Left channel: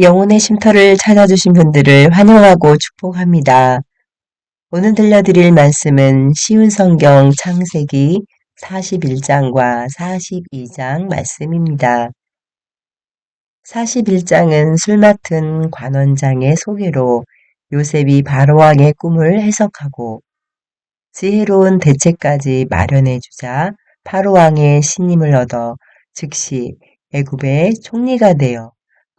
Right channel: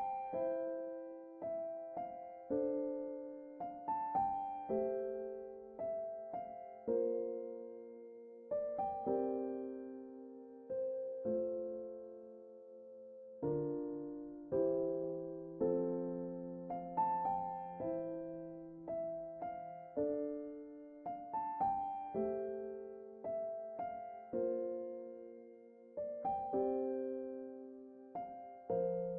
영혼의 쉼터를 찾아주신 분들을 환영하고 축복합니다. 오늘 들려드릴 말씀은 쉬운 성경 창세기 41장과 42장 말씀입니다. 41장은 술 맡은 관원장의 소개로 요셉이 바로왕의 꿈을 해석하고 지혜로운 대책까지 마련해 주자 바로왕의 신임을 얻어 즉시 애굽의 총리가 되어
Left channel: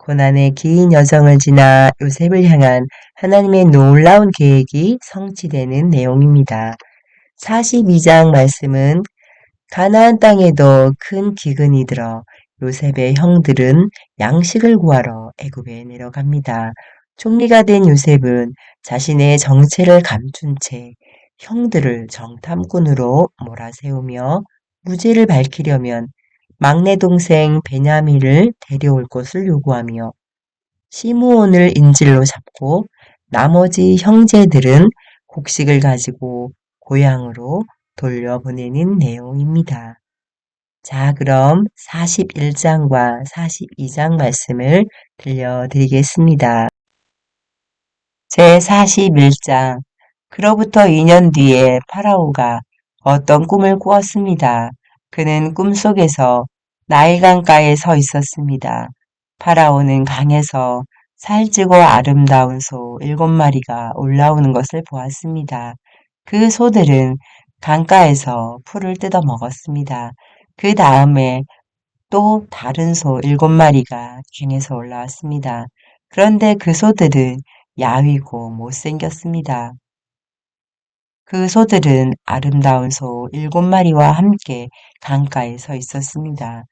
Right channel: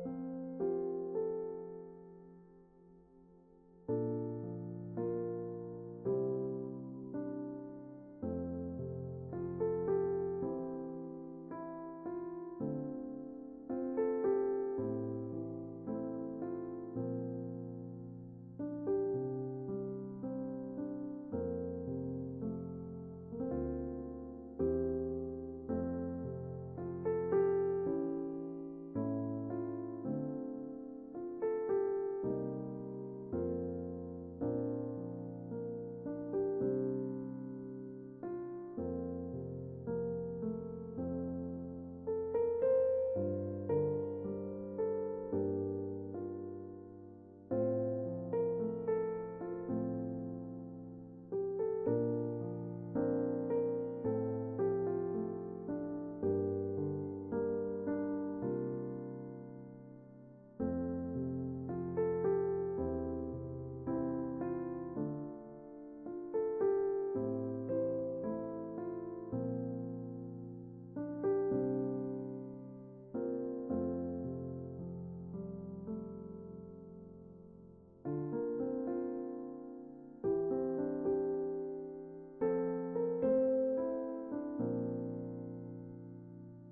고난의 긴 여정을 지나 요셉을 향한 하나님의 놀라운 계획이 성취되는 내용입니다. 42장 말씀은 가나안 땅에도 큰 기근이 들어 요셉의 형들은 양식을 구하러 애굽에 내려갑니다. 총리가 된 요셉은 자신의 정체를 감춘 채 형들을 정탐꾼으로 몰아세우며 무죄를 밝히려면 막내 동생 베냐민을 데려올 것을 요구하며 시므온을 인질로 잡고 나머지 형제들은 곡식을 가지고 고향으로 돌려보내는 내용입니다. 자, 그럼 41장과 42장 말씀을 들려드리겠습니다. 제 41장 그로부터 2년 뒤에 파라오가 어떤 꿈을 꾸었습니다. 그는 꿈속에서 나일강가에 서 있었습니다. 파라오는 강에서 살찌고 아름다운 소 일곱 마리가 올라오는 것을 보았습니다. 그 소들은 강가에서 풀을 뜯어 먹었습니다. 그 다음에 또 다른 소 일곱 마리가 갱에서 올라왔습니다. 그런데 그 소들은 야위고 못생겼습니다. 그 소들은 아름다운 소 일곱 마리와 함께 강가에 서 있었습니다.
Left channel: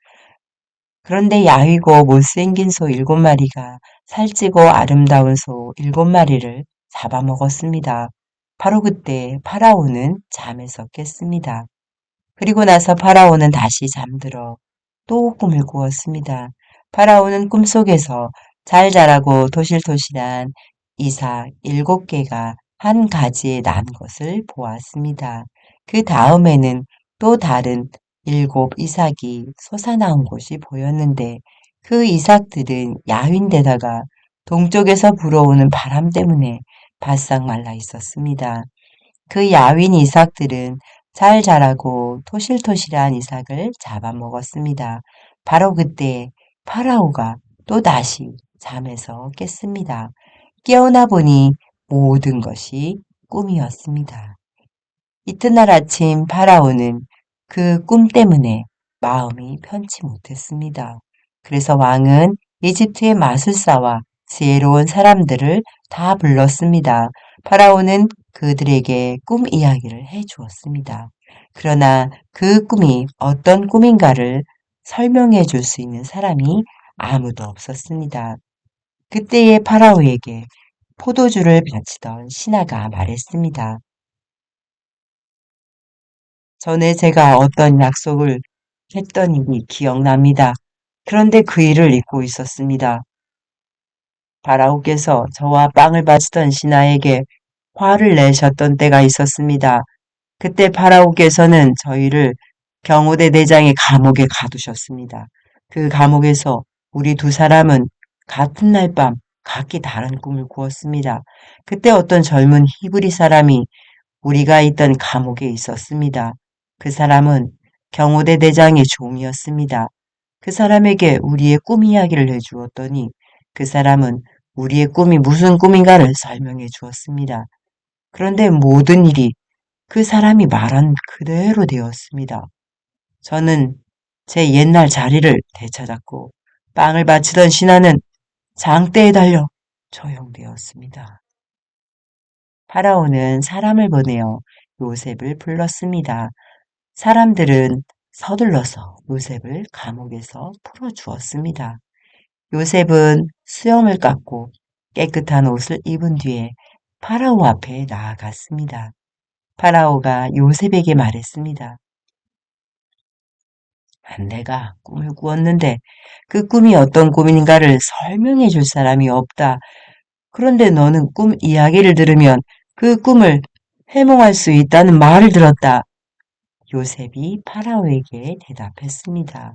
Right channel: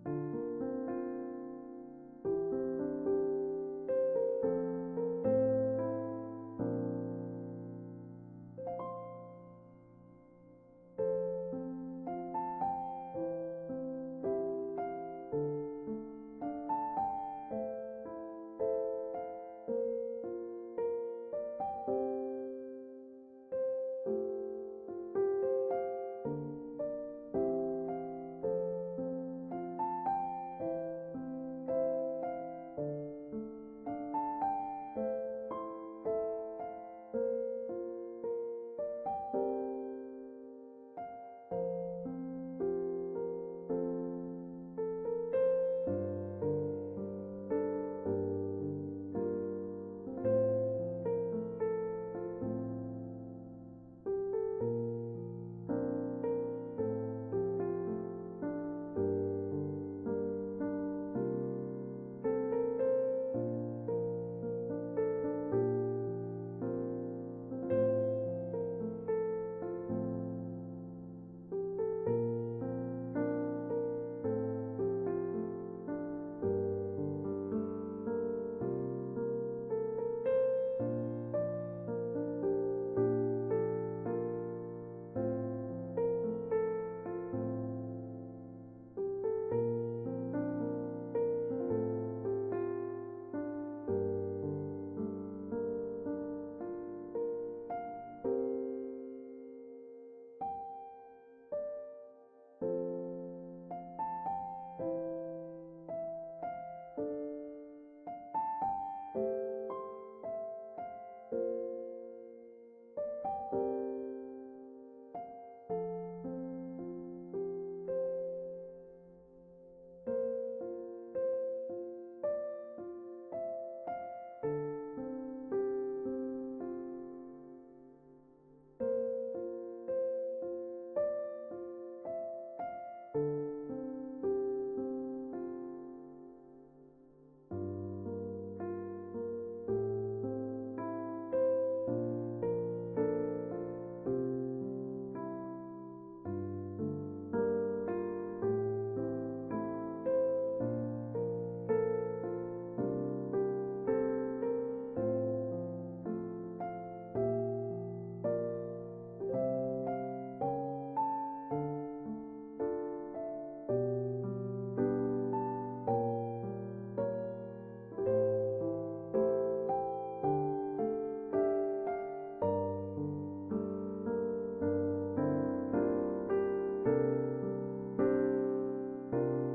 그런데 야위고 못생긴 소 일곱 마리가 살찌고 아름다운 소 일곱 마리를 잡아먹었습니다. 바로 그때 파라오는 잠에서 깼습니다. 그리고 나서 파라오는 다시 잠들어 또 꿈을 꾸었습니다. 파라오는 꿈속에서 잘 자라고 도실도실한 이삭 일곱 개가 한 가지에 난 것을 보았습니다. 그 다음에는 또 다른 일곱 이삭이 솟아나온 곳이 보였는데 그 이삭들은 야윈데다가 동쪽에서 불어오는 바람 때문에 바싹 말라 있었습니다. 그 야윈 이삭들은 잘 자라고 토실토실한 이삭을 잡아먹었습니다. 바로 그때 파라오가 또 다시 잠에서 깼습니다. 깨어나 보니 모든 것이 꿈이었습니다. 이튿날 아침 파라오는 그 꿈 때문에 마음이 편치 못했습니다. 그래서 왕은 이집트의 마술사와 지혜로운 사람들을 다 불렀습니다. 파라오는 그들에게 꿈 이야기를 해 주었습니다. 그러나 그 꿈이 어떤 꿈인가를 설명해 줄 수 있는 사람이 아무도 없었습니다. 그때의 파라오에게 포도주를 바치던 신하가 말했습니다. 전에 제가 어떤 약속을 했던 일이 기억납니다. 그런데 그 일을 잊고 있었습니다. 바라오께서 저와 빵을 바치던 신하에게 화를 내셨던 때가 있었습니다. 그때 파라오께서는 저희를 경호대 대장의 감옥에 가두셨습니다. 그 감옥에서 우리 두 사람은 같은 날 밤 각기 다른 꿈을 꾸었습니다. 그때 어떤 젊은 히브리 사람이 우리가 있던 감옥에 있었습니다. 그 사람은 경호대 대장의 종이었습니다. 그 사람에게 우리의 꿈 이야기를 해주었더니 그 사람은 우리의 꿈이 무슨 꿈인가를 설명해 주었습니다. 그런데 모든 일이 그 사람이 말한 그대로 되었습니다. 저는 제 옛날 자리를 되찾았고 빵을 바치던 신하는 장대에 달려 조용되었습니다. 파라오는 사람을 보내어 요셉을 불렀습니다. 사람들은 서둘러서 요셉을 감옥에서 풀어주었습니다. 요셉은 수염을 깎고 깨끗한 옷을 입은 뒤에 파라오 앞에 나아갔습니다. 파라오가 요셉에게 말했습니다. 내가 꿈을 꾸었는데 그 꿈이 어떤 꿈인가를 설명해 줄 사람이 없다. 그런데 너는 꿈 이야기를 들으면 그 꿈을 해몽할 수 있다는 말을 들었다. 요셉이 파라오에게 대답했습니다.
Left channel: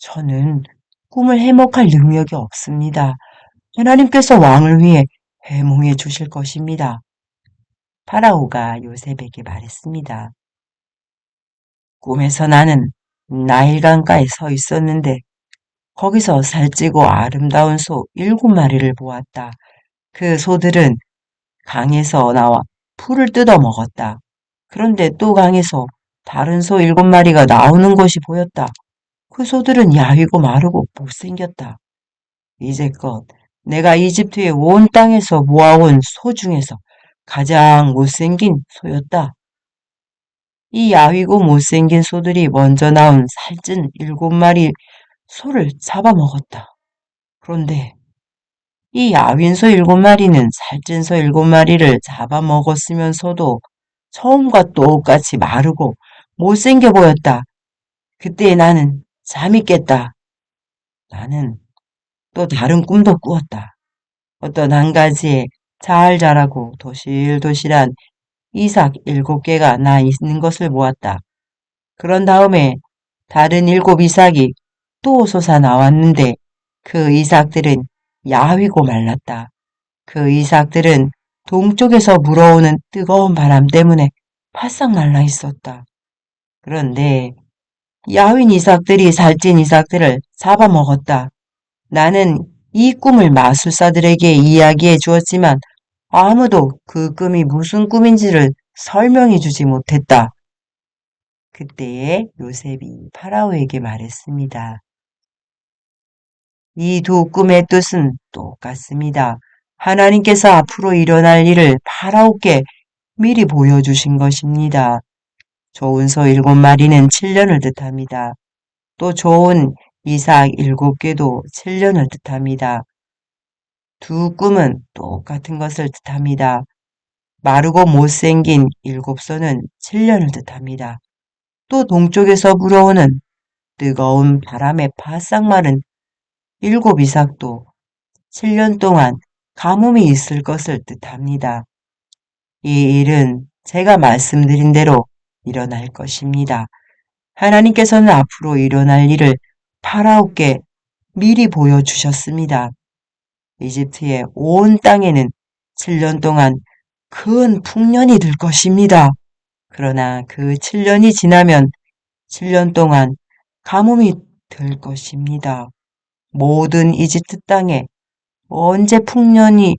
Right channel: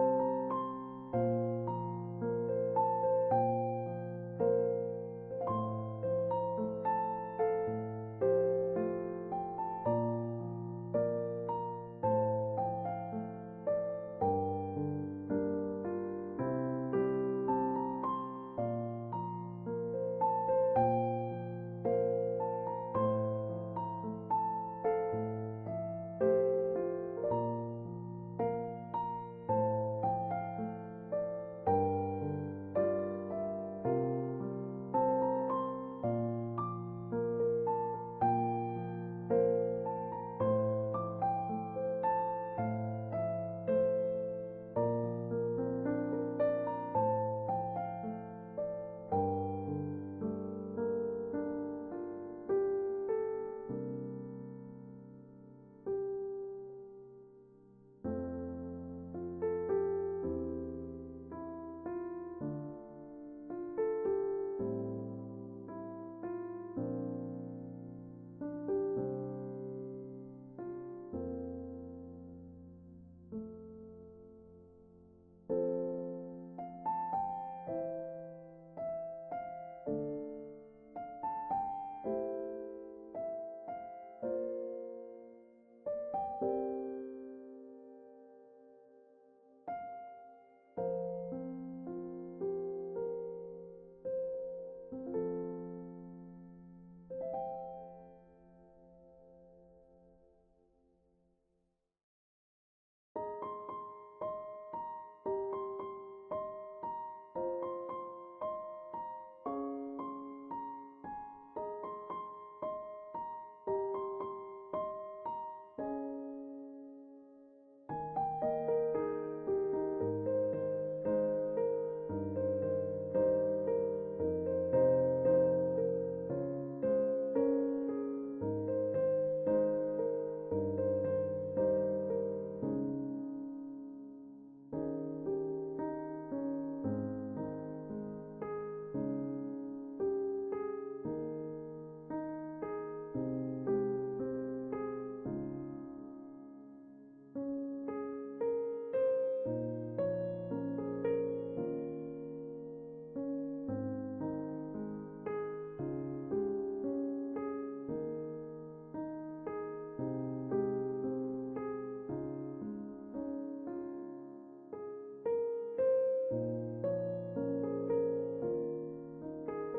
저는 꿈을 해몽할 능력이 없습니다. 하나님께서 왕을 위해 해몽해 주실 것입니다. 파라오가 요셉에게 말했습니다. 꿈에서 나는 나일강가에 서 있었는데 거기서 살찌고 아름다운 소 일곱 마리를 보았다. 그 소들은 강에서 나와 풀을 뜯어 먹었다. 그런데 또 강에서 다른 소 일곱 마리가 나오는 것이 보였다. 그 소들은 야위고 마르고 못생겼다. 이제껏 내가 이집트의 온 땅에서 모아온 소 중에서 가장 못생긴 소였다. 이 야위고 못생긴 소들이 먼저 나온 살찐 일곱 마리 소를 잡아먹었다. 그런데 이 야윈 소 일곱 마리는 살찐 소 일곱 마리를 잡아먹었으면서도 처음과 똑같이 마르고 못생겨 보였다. 그때 나는 잠이 깼다. 나는 또 다른 꿈도 꾸었다. 어떤 한 가지에 잘 자라고 도실도실한 이삭 일곱 개가 나 있는 것을 보았다. 그런 다음에 다른 일곱 이삭이 또 솟아 나왔는데 그 이삭들은 야위고 말랐다. 그 이삭들은 동쪽에서 불어오는 뜨거운 바람 때문에 바싹 말라 있었다. 그런데 야윈 이삭들이 살찐 이삭들을 잡아먹었다. 나는 이 꿈을 마술사들에게 이야기해 주었지만 아무도 그 꿈이 무슨 꿈인지를 설명해 주지 못했다. 그때에 요셉이 파라오에게 말했습니다. 이 두 꿈의 뜻은 똑같습니다. 하나님께서 앞으로 일어날 일을 파라오께 미리 보여주신 것입니다. 좋은 소 일곱 마리는 7년을 뜻합니다. 또 좋은 이삭 일곱 개도 7년을 뜻합니다. 두 꿈은 똑같은 것을 뜻합니다. 마르고 못생긴 일곱 소는 7년을 뜻합니다. 또 동쪽에서 불어오는 뜨거운 바람에 바싹 마른 일곱 이삭도 7년 동안 가뭄이 있을 것을 뜻합니다. 이 일은 제가 말씀드린 대로 일어날 것입니다. 하나님께서는 앞으로 일어날 일을 파라오께 미리 보여주셨습니다. 이집트의 온 땅에는 7년 동안 큰 풍년이 들 것입니다. 그러나 그 7년이 지나면 7년 동안 가뭄이 들 것입니다. 모든 이집트 땅에 언제 풍년이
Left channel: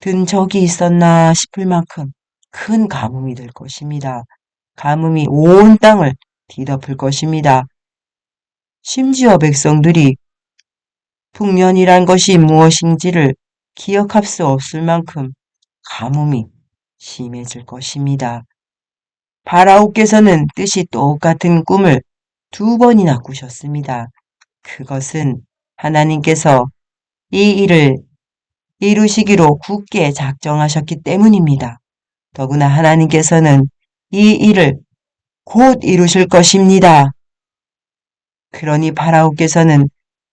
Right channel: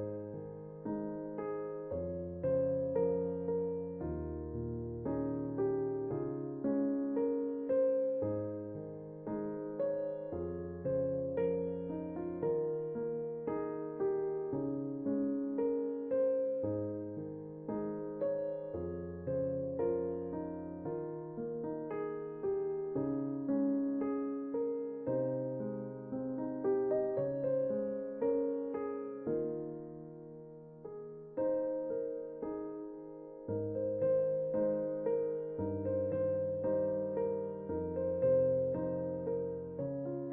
든 적이 있었나 싶을 만큼 큰 가뭄이 될 것입니다. 가뭄이 온 땅을 뒤덮을 것입니다. 심지어 백성들이 풍년이란 것이 무엇인지를 기억할 수 없을 만큼 가뭄이 심해질 것입니다. 바라오께서는 뜻이 똑같은 꿈을 두 번이나 꾸셨습니다. 그것은 하나님께서 이 일을 이루시기로 굳게 작정하셨기 때문입니다. 더구나 하나님께서는 이 일을 곧 이루실 것입니다. 그러니 바라오께서는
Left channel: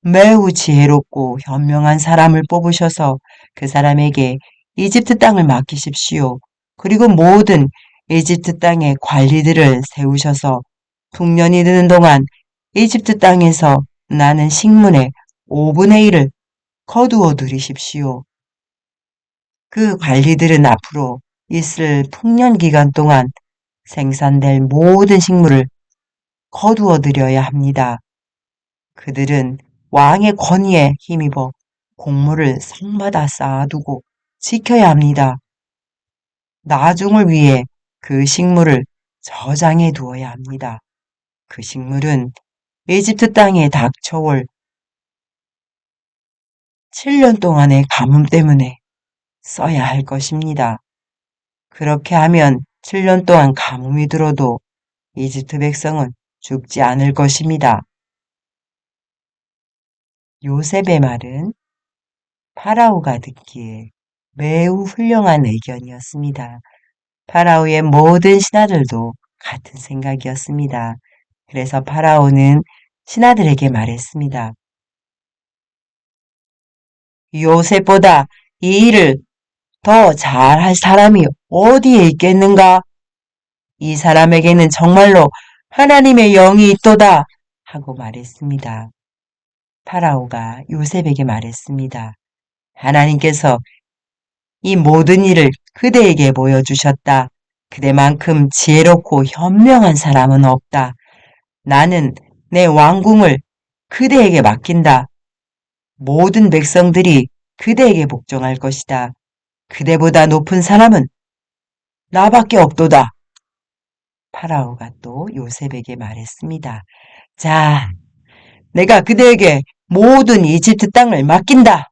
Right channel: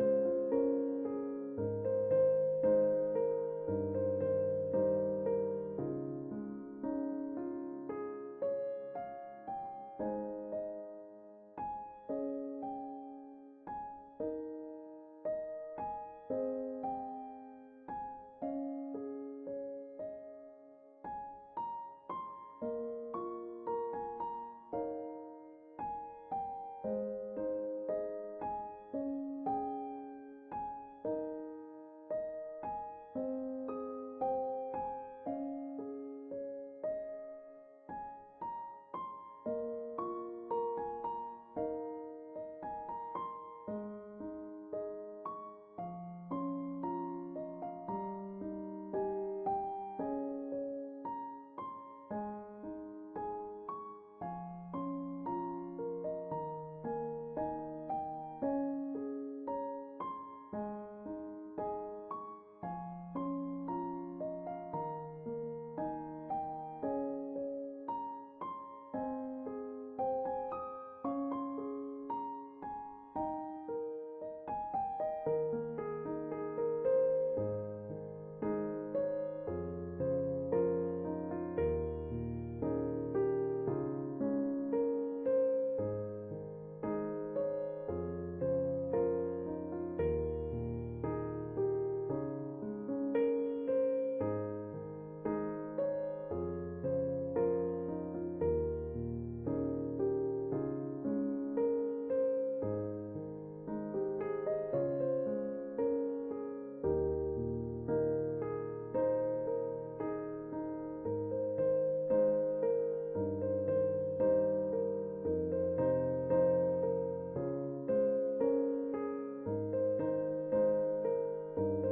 매우 지혜롭고 현명한 사람을 뽑으셔서 그 사람에게 이집트 땅을 맡기십시오. 그리고 모든 이집트 땅의 관리들을 세우셔서 풍년이 드는 동안 이집트 땅에서 나는 식문의 5분의 1을 거두어 들이십시오. 그 관리들은 앞으로 있을 풍년 기간 동안 생산될 모든 식물을 거두어 들여야 합니다. 그들은 왕의 권위에 힘입어 곡물을 성마다 쌓아두고 지켜야 합니다. 나중을 위해 그 식물을 저장해 두어야 합니다. 그 식물은 이집트 땅에 닥쳐올 7년 동안의 가뭄 때문에 써야 할 것입니다. 그렇게 하면 7년 동안 가뭄이 들어도 이집트 백성은 죽지 않을 것입니다. 요셉의 말은 파라오가 듣기에 매우 훌륭한 의견이었습니다. 파라오의 모든 신하들도 같은 생각이었습니다. 그래서 파라오는 신하들에게 말했습니다. 요셉보다 이 일을 더 잘할 사람이 어디에 있겠는가? 이 사람에게는 정말로 하나님의 영이 있도다 하고 말했습니다. 파라오가 요셉에게 말했습니다. 하나님께서 이 모든 일을 그대에게 보여주셨다. 그대만큼 지혜롭고 현명한 사람은 없다. 나는 내 왕궁을 그대에게 맡긴다. 모든 백성들이 그대에게 복종할 것이다. 그대보다 높은 사람은 나밖에 없도다. 파라오가 또 요셉에게 말했습니다. 자, 내가 그대에게 모든 이집트 땅을 맡긴다.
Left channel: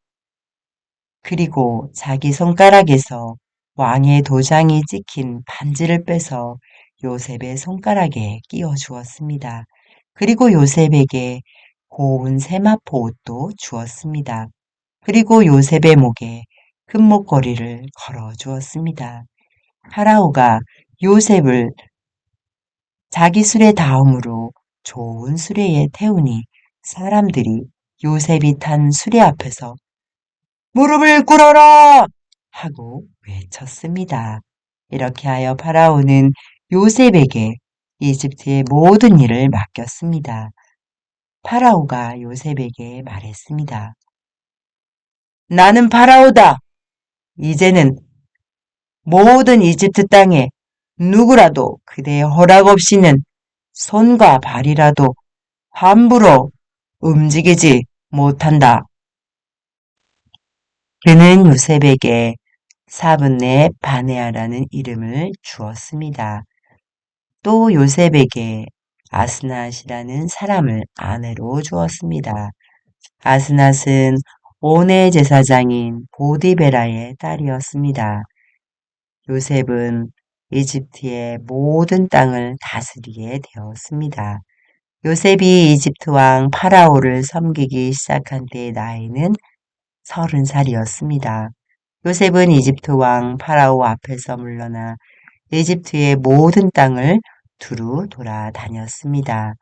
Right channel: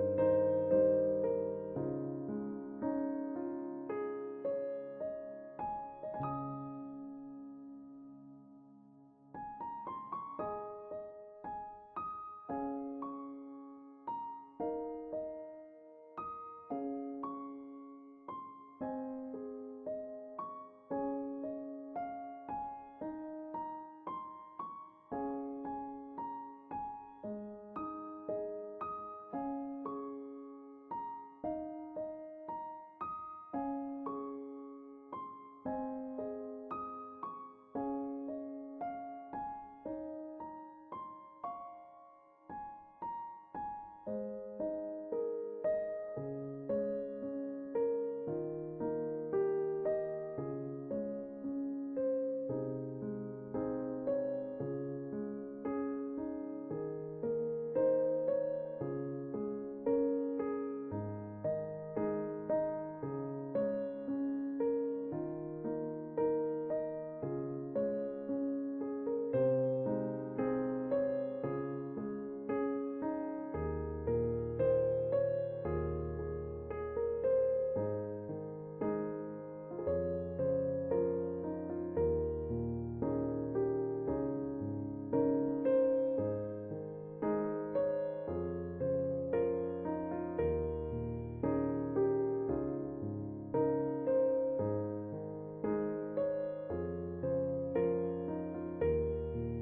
그리고 자기 손가락에서 왕의 도장이 찍힌 반지를 빼서 요셉의 손가락에 끼워 주었습니다. 그리고 요셉에게 고운 세마포 옷도 주었습니다. 그리고 요셉의 목에 금목걸이를 걸어 주었습니다. 파라오가 요셉을 자기 수레 다음으로 좋은 수레에 태우니 사람들이 요셉이 탄 수레 앞에서 무릎을 꿇어라! 하고 외쳤습니다. 이렇게 하여 파라오는 요셉에게 이집트의 모든 일을 맡겼습니다. 파라오가 요셉에게 말했습니다. 나는 파라오다. 이제는 모든 이집트 땅에 누구라도 그대의 허락 없이는 손과 발이라도 함부로 움직이지 못한다. 그는 요셉에게 사분네 바네아라는 이름을 주었습니다. 또 요셉에게 아스낫이라는 사람을 아내로 주었습니다. 아스낫은 오네 제사장인 보디베라의 딸이었습니다. 요셉은 이집트의 모든 땅을 다스리게 되었습니다. 요셉이 이집트 왕 파라오를 섬기기 시작한 때의 나이는 서른 살이었습니다. 요셉은 이집트 왕 파라오 앞에서 물러나 이집트의 모든 땅을 두루 돌아다녔습니다.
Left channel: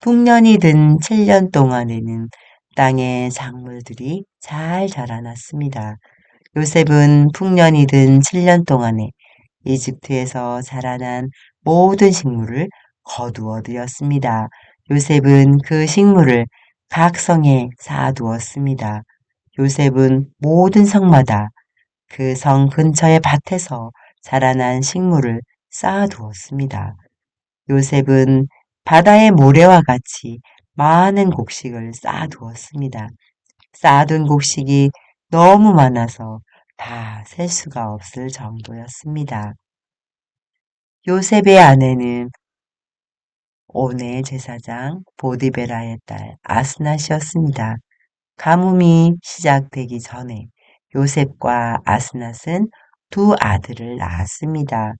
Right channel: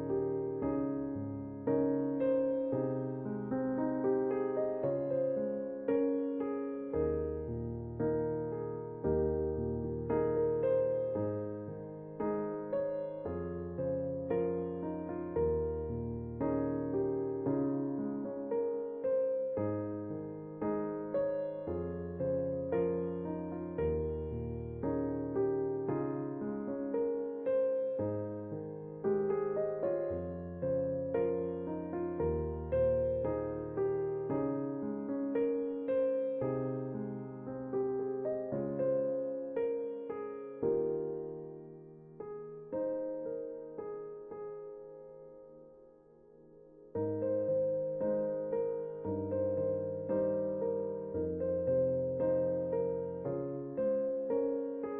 풍년이 든 7년 동안에는 땅의 작물들이 잘 자라났습니다. 요셉은 풍년이 든 7년 동안에 이집트에서 자라난 모든 식물을 거두어 들였습니다. 요셉은 그 식물을 각 성에 쌓아두었습니다. 요셉은 모든 성마다 그 성 근처의 밭에서 자라난 식물을 쌓아두었습니다. 요셉은 바다의 모래와 같이 많은 곡식을 쌓아두었습니다. 쌓아둔 곡식이 너무 많아서 다 셀 수가 없을 정도였습니다. 요셉의 아내는 오네 제사장 보디베라의 딸 아스낫이었습니다. 가뭄이 시작되기 전에 요셉과 아스낫은 두 아들을 낳았습니다.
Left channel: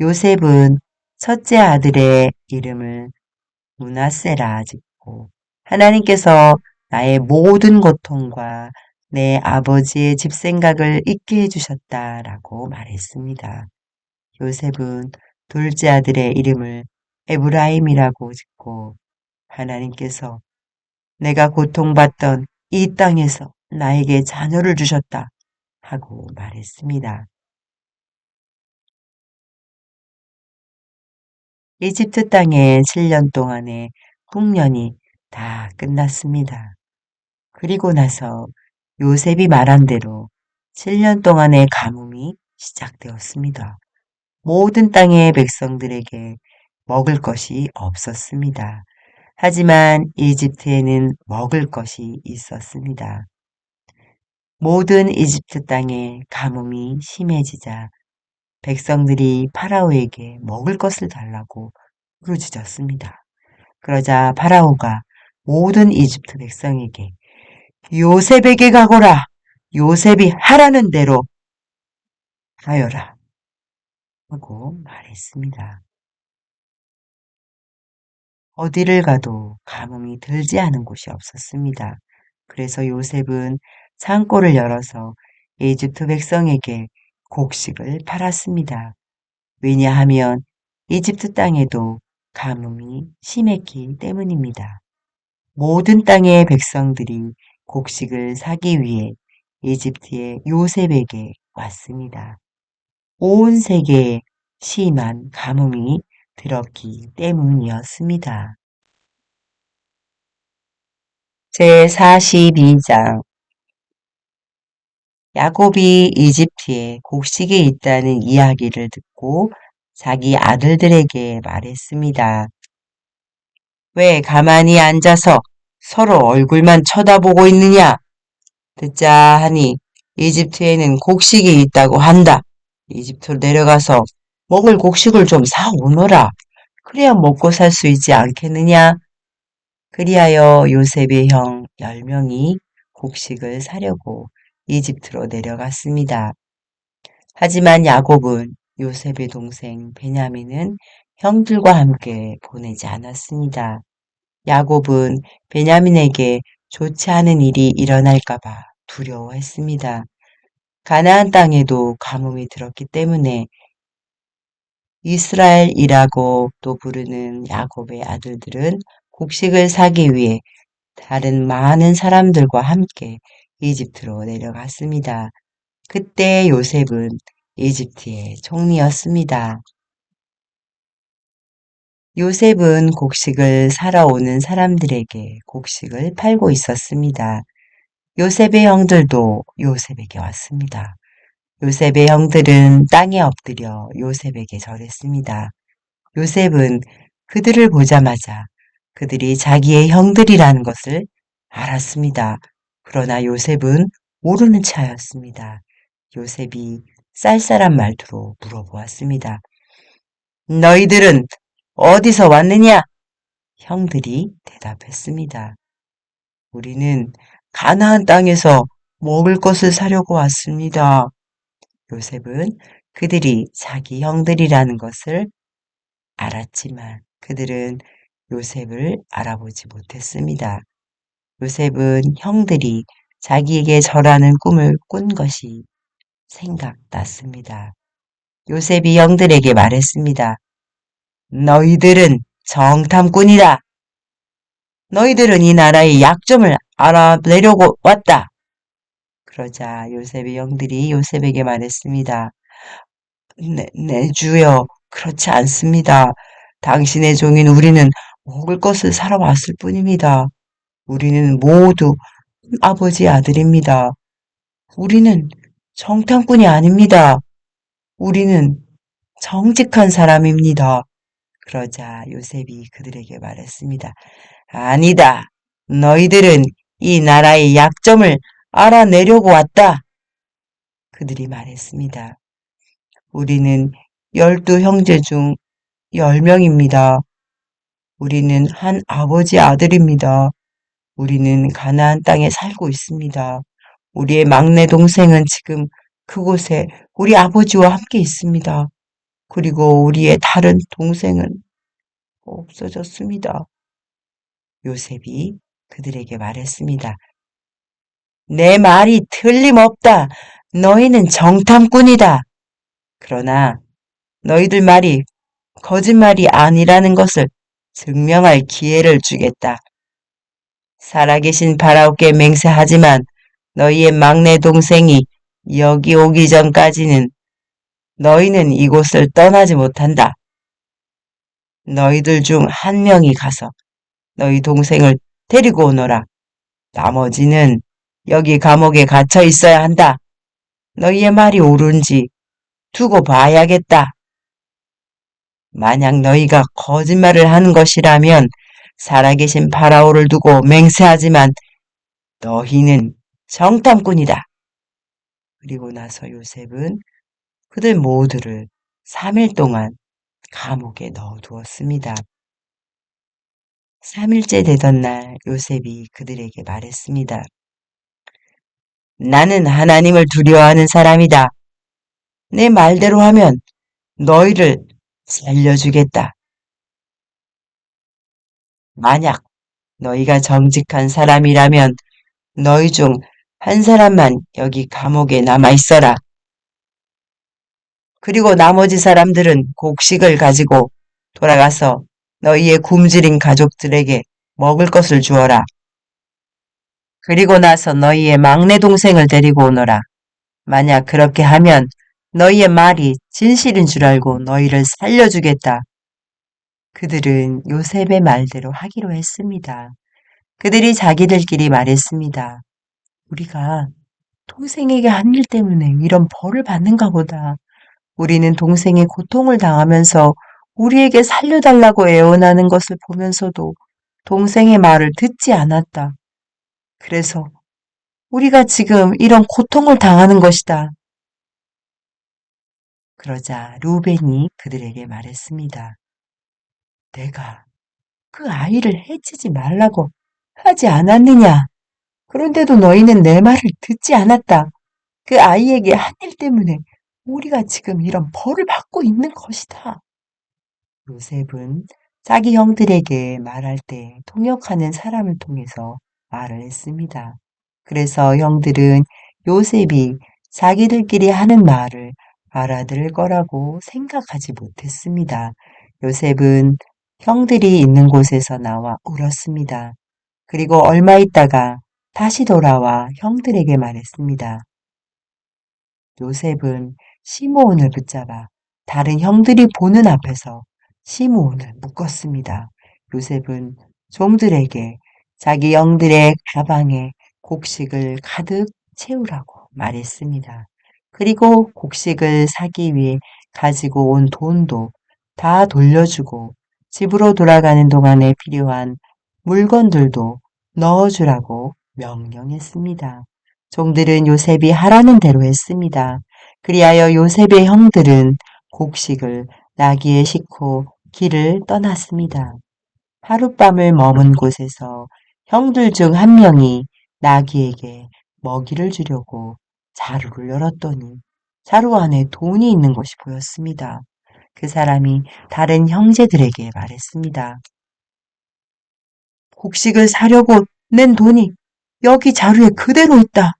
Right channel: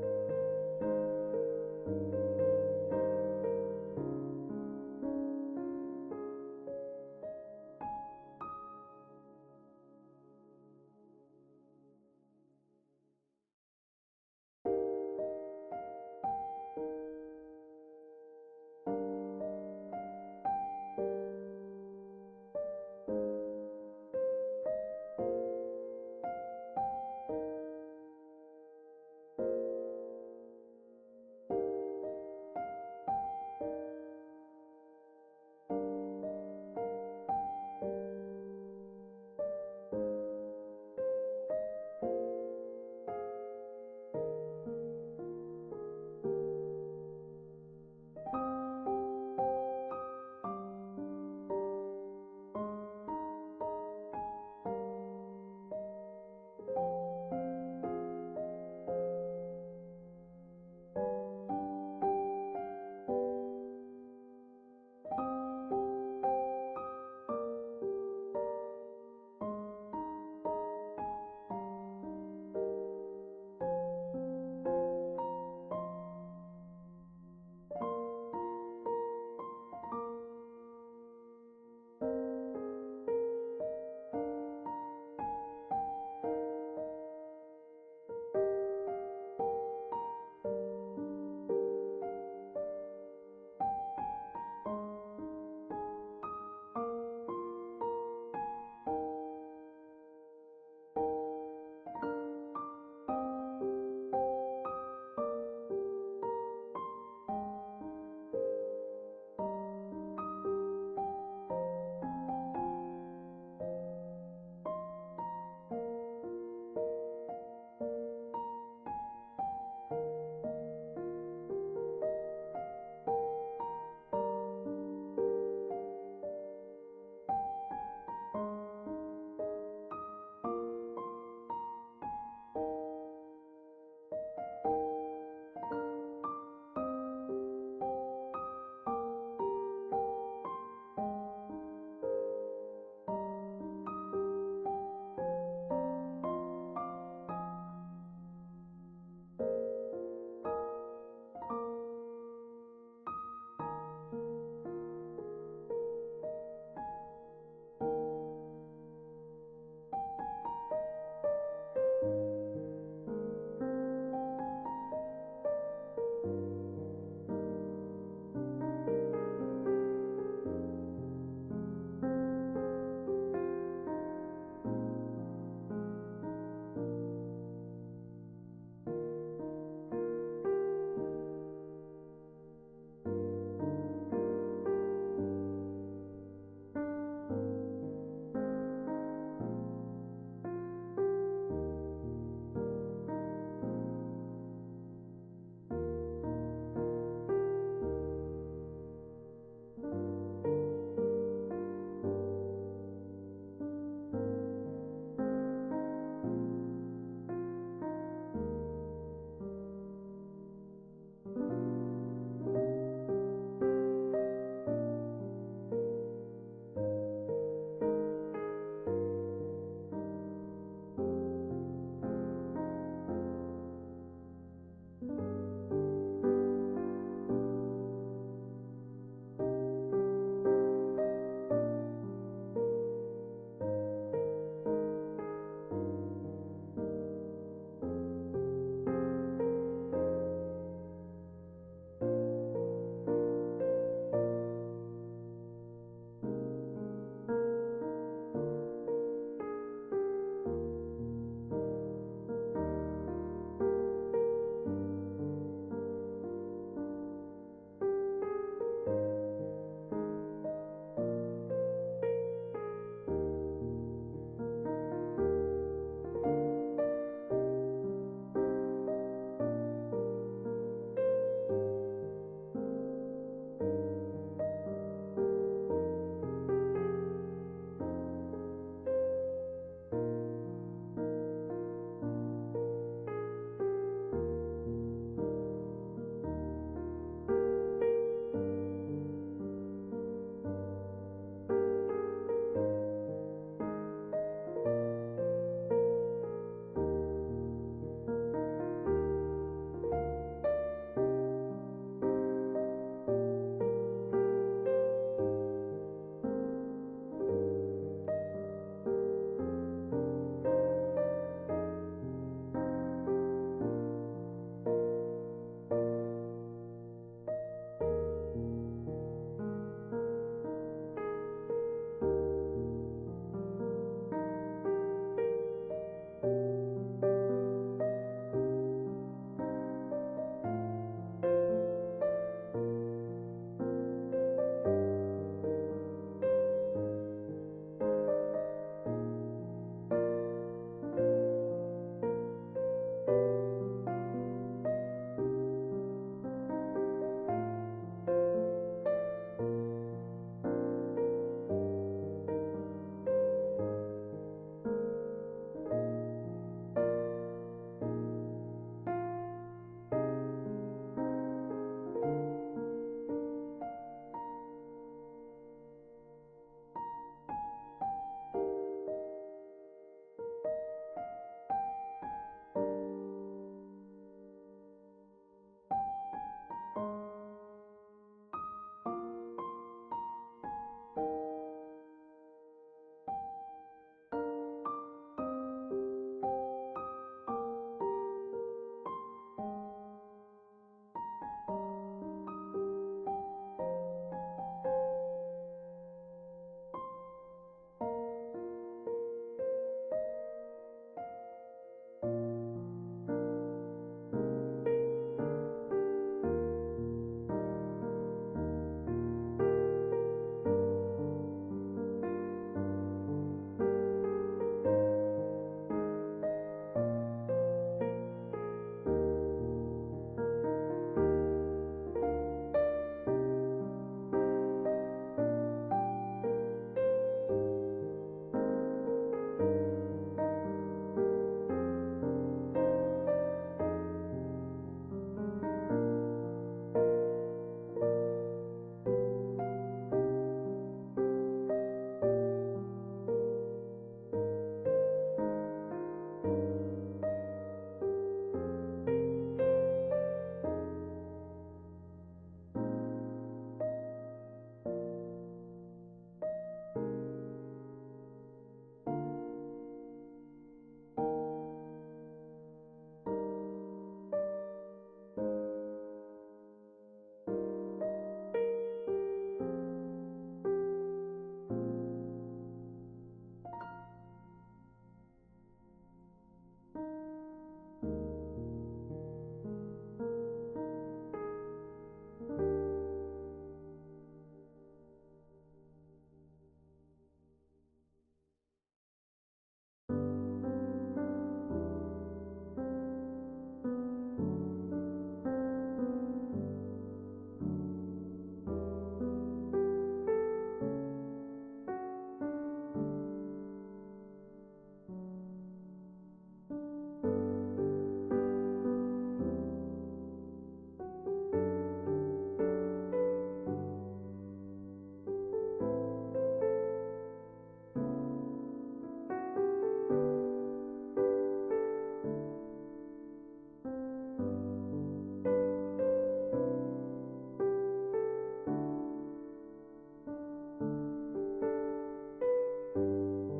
요셉은 첫째 아들의 이름을 문하세라 짓고 하나님께서 나의 모든 고통과 내 아버지의 집 생각을 잊게 해주셨다라고 말했습니다. 요셉은 둘째 아들의 이름을 에브라임이라고 짓고 하나님께서 내가 고통받던 이 땅에서 나에게 자녀를 주셨다 하고 말했습니다. 이집트 땅에 7년 동안의 풍년이 다 끝났습니다. 그리고 나서 요셉이 말한 대로 7년 동안의 가뭄이 시작되었습니다. 모든 땅의 백성들에게 먹을 것이 없었습니다. 하지만 이집트에는 먹을 것이 있었습니다. 모든 이집트 땅에 가뭄이 심해지자 백성들이 파라오에게 먹을 것을 달라고 부르짖었습니다. 그러자 파라오가 모든 이집트 백성에게 요셉에게 가거라. 요셉이 하라는 대로 하여라. 하고 말했습니다. 어디를 가도 가뭄이 들지 않은 곳이 없었습니다. 그래서 요셉은 창고를 열어서 이집트 백성에게 곡식을 팔았습니다. 왜냐하면 이집트 땅에도 가뭄이 심했기 때문입니다. 모든 땅의 백성들이 곡식을 사기 위해 이집트의 요셉에게 왔습니다. 온 세계에 심한 가뭄이 들었기 때문이었습니다. 제 42장 야곱이 이집트에 곡식이 있다는 이야기를 듣고 자기 아들들에게 말했습니다. 왜 가만히 앉아서 서로 얼굴만 쳐다보고 있느냐? 듣자 하니 이집트에는 곡식이 있다고 한다. 이집트로 내려가서 먹을 곡식을 좀 사오너라. 그래야 먹고 살 수 있지 않겠느냐? 그리하여 요셉의 형 10명이 곡식을 사려고 이집트로 내려갔습니다. 하지만 야곱은 요셉의 동생 베냐민은 형들과 함께 보내지 않았습니다. 야곱은 베냐민에게 좋지 않은 일이 일어날까봐 두려워했습니다. 가나안 땅에도 가뭄이 들었기 때문에 이스라엘이라고 또 부르는 야곱의 아들들은 곡식을 사기 위해 다른 많은 사람들과 함께 이집트로 내려갔습니다. 그때 요셉은 이집트의 총리였습니다. 요셉은 곡식을 사러 오는 사람들에게 곡식을 팔고 있었습니다. 요셉의 형들도 요셉에게 왔습니다. 요셉의 형들은 땅에 엎드려 요셉에게 절했습니다. 요셉은 그들을 보자마자 그들이 자기의 형들이라는 것을 알았습니다. 그러나 요셉은 모르는 차였습니다. 요셉이 쌀쌀한 말투로 물어보았습니다. 너희들은 어디서 왔느냐? 형들이 대답했습니다. 우리는 가나안 땅에서 먹을 것을 사려고 왔습니다. 요셉은 그들이 자기 형들이라는 것을 알았지만 그들은 요셉을 알아보지 못했습니다. 요셉은 형들이 자기에게 절하는 꿈을 꾼 것이 생각났습니다. 요셉이 형들에게 말했습니다. 너희들은 정탐꾼이다. 너희들은 이 나라의 약점을 알아내려고 왔다. 그러자 요셉의 형들이 요셉에게 말했습니다. 네, 네, 주여. 그렇지 않습니다. 당신의 종인 우리는 먹을 것을 사러 왔을 뿐입니다. 우리는 모두 아버지 아들입니다. 우리는 정탐꾼이 아닙니다. 우리는 정직한 사람입니다. 그러자 요셉이 그들에게 말했습니다. 아니다. 너희들은 이 나라의 약점을 알아내려고 왔다. 그들이 말했습니다. 우리는 열두 형제 중 열 명입니다. 우리는 한 아버지 아들입니다. 우리는 가나안 땅에 살고 있습니다. 우리의 막내 동생은 지금 그곳에 우리 아버지와 함께 있습니다. 그리고 우리의 다른 동생은 없어졌습니다. 요셉이 그들에게 말했습니다. 내 말이 틀림없다. 너희는 정탐꾼이다. 그러나 너희들 말이 거짓말이 아니라는 것을 증명할 기회를 주겠다. 살아계신 바라오께 맹세하지만 너희의 막내 동생이 여기 오기 전까지는 너희는 이곳을 떠나지 못한다. 너희들 중 한 명이 가서 너희 동생을 데리고 오너라. 나머지는 여기 감옥에 갇혀 있어야 한다. 너희의 말이 옳은지 두고 봐야겠다. 만약 너희가 거짓말을 하는 것이라면 살아계신 파라오를 두고 맹세하지만 너희는 정탐꾼이다. 그리고 나서 요셉은 그들 모두를 3일 동안 감옥에 넣어두었습니다. 3일째 되던 날 요셉이 그들에게 말했습니다. 나는 하나님을 두려워하는 사람이다. 내 말대로 하면 너희를 살려주겠다. 만약 너희가 정직한 사람이라면 너희 중 한 사람만 여기 감옥에 남아 있어라. 그리고 나머지 사람들은 곡식을 가지고 돌아가서 너희의 굶주린 가족들에게 먹을 것을 주어라. 그리고 나서 너희의 막내 동생을 데리고 오너라. 만약 그렇게 하면 너희의 말이 진실인 줄 알고 너희를 살려주겠다. 그들은 요셉의 말대로 하기로 했습니다. 그들이 자기들끼리 말했습니다. 우리가 동생에게 한 일 때문에 이런 벌을 받는가 보다. 우리는 동생의 고통을 당하면서 우리에게 살려달라고 애원하는 것을 보면서도 동생의 말을 듣지 않았다. 그래서 우리가 지금 이런 고통을 당하는 것이다. 그러자 루벤이 그들에게 말했습니다. 내가 그 아이를 해치지 말라고 하지 않았느냐? 그런데도 너희는 내 말을 듣지 않았다. 그 아이에게 한 일 때문에 우리가 지금 이런 벌을 받고 있는 것이다. 요셉은 자기 형들에게 말할 때 통역하는 사람을 통해서 말을 했습니다. 그래서 형들은 요셉이 자기들끼리 하는 말을 알아들을 거라고 생각하지 못했습니다. 요셉은 형들이 있는 곳에서 나와 울었습니다. 그리고 얼마 있다가 다시 돌아와 형들에게 말했습니다. 요셉은 시므온을 붙잡아 다른 형들이 보는 앞에서 시므온을 묶었습니다. 요셉은 종들에게 자기 영들의 가방에 곡식을 가득 채우라고 말했습니다. 그리고 곡식을 사기 위해 가지고 온 돈도 다 돌려주고 집으로 돌아가는 동안에 필요한 물건들도 넣어주라고 명령했습니다. 종들은 요셉이 하라는 대로 했습니다. 그리하여 요셉의 형들은 곡식을 나귀에 싣고 길을 떠났습니다. 하룻밤을 머문 곳에서 형들 중 한 명이 나귀에게 먹이를 주려고 자루를 열었더니 자루 안에 돈이 있는 것이 보였습니다. 그 사람이 다른 형제들에게 말했습니다. 곡식을 사려고 낸 돈이 여기 자루에 그대로 있다.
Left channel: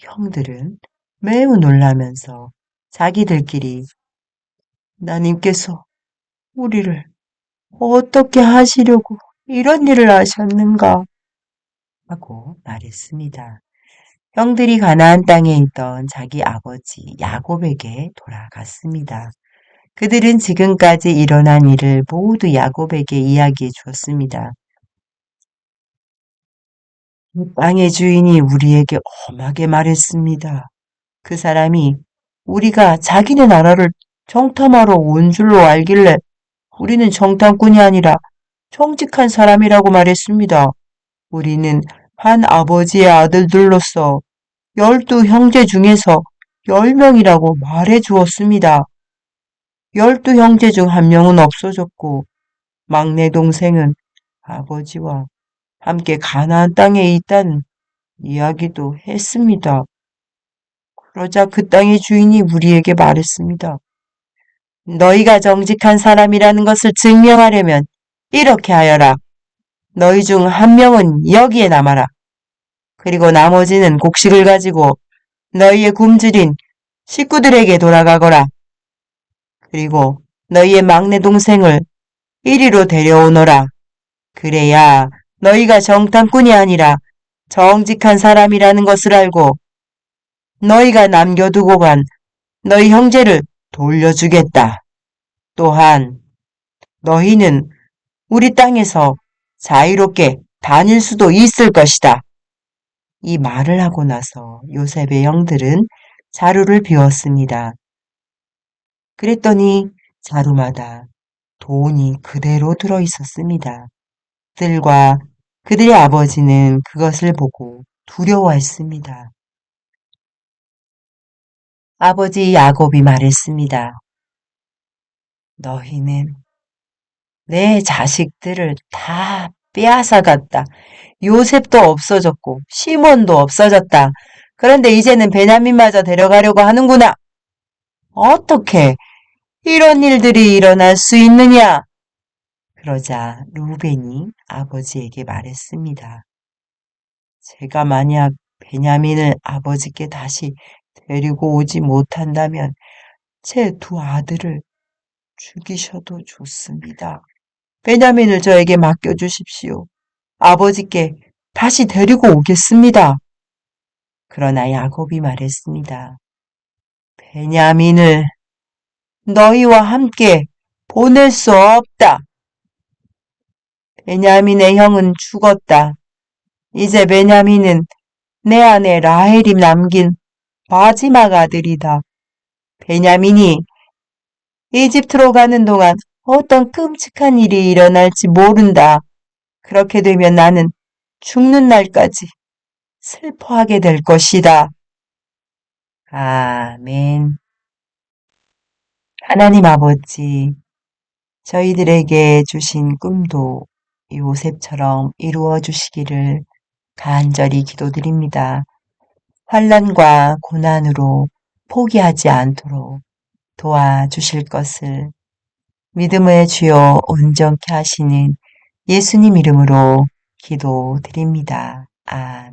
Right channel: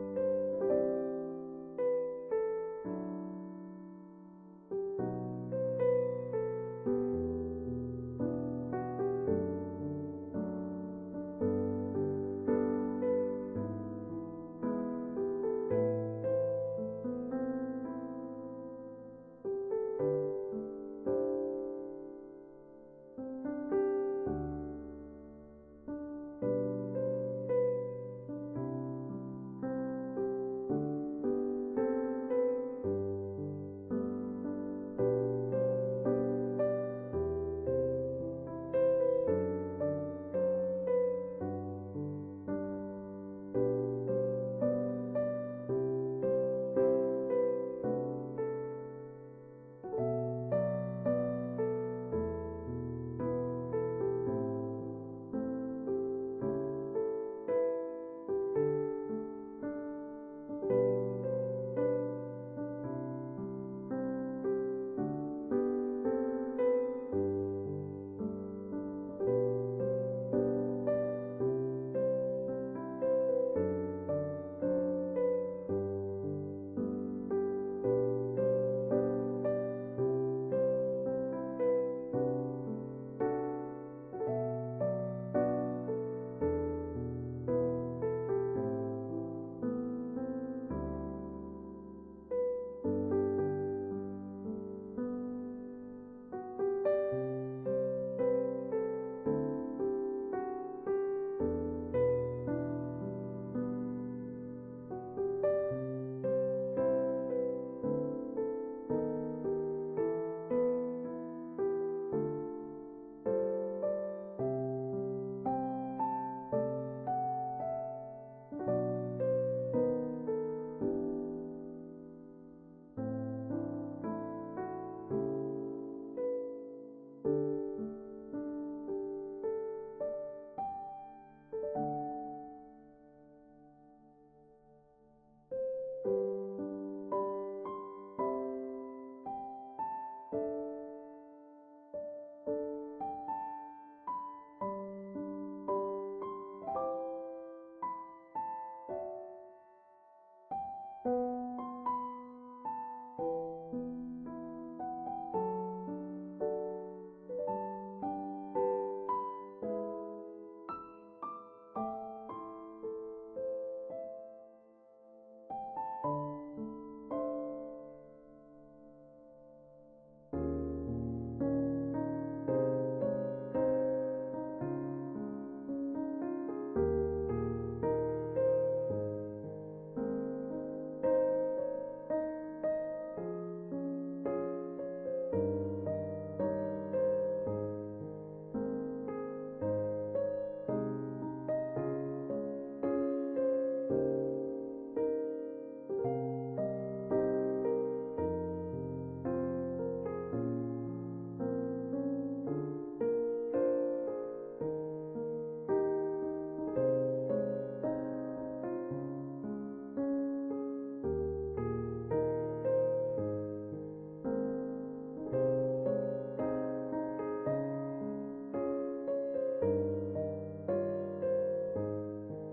형들은 매우 놀라면서 자기들끼리 나님께서 우리를 어떻게 하시려고 이런 일을 하셨는가 하고 말했습니다. 형들이 가나안 땅에 있던 자기 아버지 야곱에게 돌아갔습니다. 그들은 지금까지 일어난 일을 모두 야곱에게 이야기해 주었습니다. 이 땅의 주인이 우리에게 엄하게 말했습니다. 그 사람이 우리가 자기네 나라를 정탐하러 온 줄로 알길래 우리는 정탐꾼이 아니라 정직한 사람이라고 말했습니다. 우리는 한 아버지의 아들들로서 열두 형제 중에서 열 명이라고 말해 주었습니다. 열두 형제 중 한 명은 없어졌고 막내 동생은 아버지와 함께 가나안 땅에 있다는 이야기도 했습니다. 그러자 그 땅의 주인이 우리에게 말했습니다. 너희가 정직한 사람이라는 것을 증명하려면 이렇게 하여라. 너희 중 한 명은 여기에 남아라. 그리고 나머지는 곡식을 가지고 너희의 굶주린 식구들에게 돌아가거라. 그리고 너희의 막내 동생을 이리로 데려오너라. 그래야 너희가 정탐꾼이 아니라 정직한 사람이라는 것을 알고 너희가 남겨두고 간 너희 형제를 돌려주겠다. 또한 너희는 우리 땅에서 자유롭게 다닐 수도 있을 것이다. 이 말을 하고 나서 요셉의 형들은 자루를 비웠습니다. 그랬더니 자루마다 돈이 그대로 들어 있었습니다. 들과 그들의 아버지는 그것을 보고 두려워했습니다. 아버지 야곱이 말했습니다. 너희는 내 자식들을 다 빼앗아갔다. 요셉도 없어졌고 시몬도 없어졌다. 그런데 이제는 베냐민마저 데려가려고 하는구나. 어떻게 이런 일들이 일어날 수 있느냐? 그러자 루벤이 아버지에게 말했습니다. 제가 만약 베냐민을 아버지께 다시 데리고 오지 못한다면 제 두 아들을 죽이셔도 좋습니다. 베냐민을 저에게 맡겨주십시오. 아버지께 다시 데리고 오겠습니다. 그러나 야곱이 말했습니다. 베냐민을 너희와 함께 보낼 수 없다. 베냐민의 형은 죽었다. 이제 베냐민은 내 아내 라헬이 남긴 마지막 아들이다. 베냐민이 이집트로 가는 동안 어떤 끔찍한 일이 일어날지 모른다. 그렇게 되면 나는 죽는 날까지 슬퍼하게 될 것이다. 아멘. 하나님 아버지, 저희들에게 주신 꿈도 요셉처럼 이루어 주시기를 간절히 기도드립니다. 환란과 고난으로 포기하지 않도록 도와주실 것을 믿음의 주여 온전케 하시는 예수님 이름으로 기도드립니다. 아멘.